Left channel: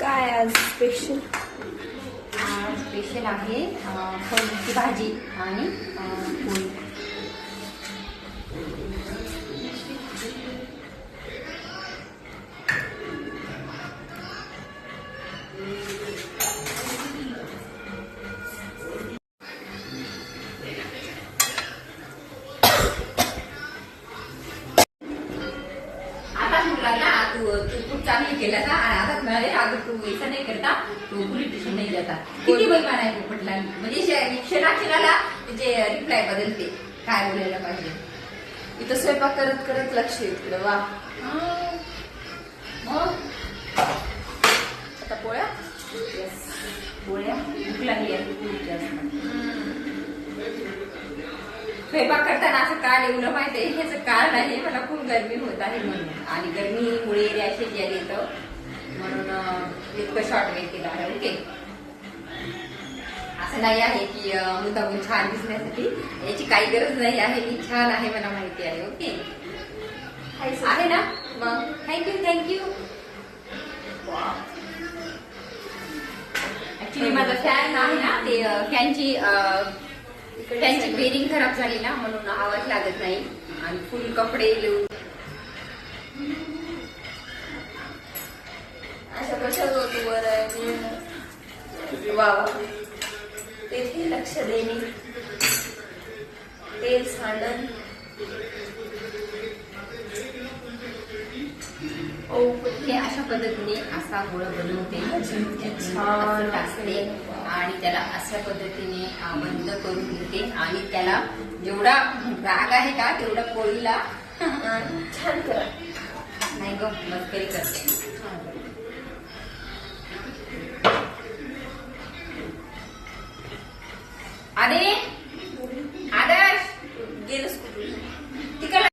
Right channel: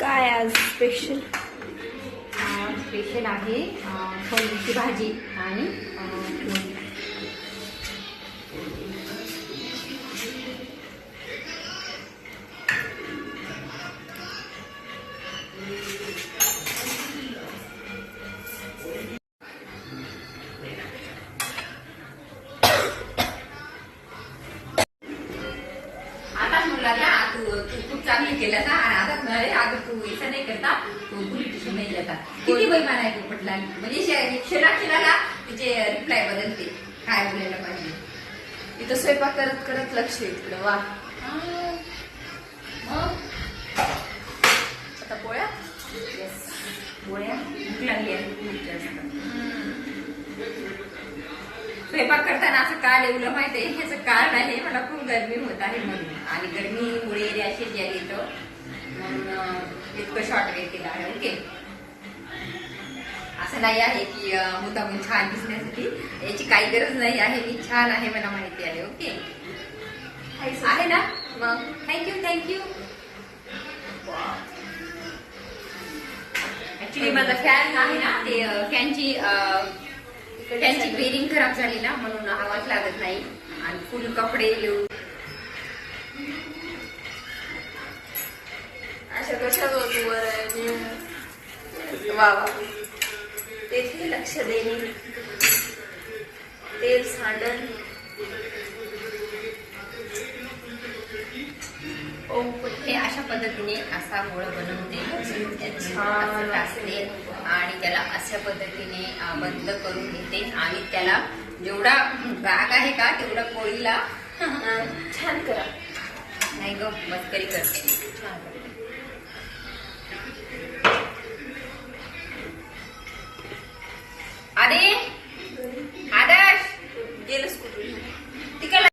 काय आज special? Special आहे फळीची भाजी आणि पोळी. आता मुलांना तू खूप चांगली केलं ना. आता म्हणाले अगं तू असं नाही करता, तू पोलीस स्टेशन नाही जाता. किती बैमान आहे पोपटला, म्हणजे क्षणाक्षणाला तिचे रिप्लाय बदलते काय बोलायला पाहिजे. इथं स्वयंपाक करत करत लक्ष इकडं. वा. आता पोळ्या. पोळ्या भूक लागली आहे. स्वयंपाक करताना असं काळ एवढं माहिती आहे ह्याचं काळ नाही, मला खूप गरमी होत आहे म्हणून, आणि गरमीमुळे रॅशेस यायला येतं म्हणून इतकं शॉर्ट वेट केलं आहे. ओके, असं नाही आहे की मुद्दामून छान दिसण्यासाठी, याची काही गरज नाही आहे. मी छान आहे मला माहिती आहे. ओके आहे ना. मग थँक्यू. ऍक्च्युली माझा फॅन आहे ना, ते फॅनची बेरिंग खराब झाली ना, म्हणून आवाज लागत नाही. आणि फुल कपडे घेऊन अशा कशा वर वा वा. तेथे लक्ष देणे, तेल सांडण. हे अशा पद्धतीने असा गोळ बनवते, असं टाकते आणि त्याला अशा पद्धतीने बंद करून घेते. आणि त्याला जेवढा राग आहे का तेवढा पोळीला छान करा. नाही ग, मस्करी करते. अरे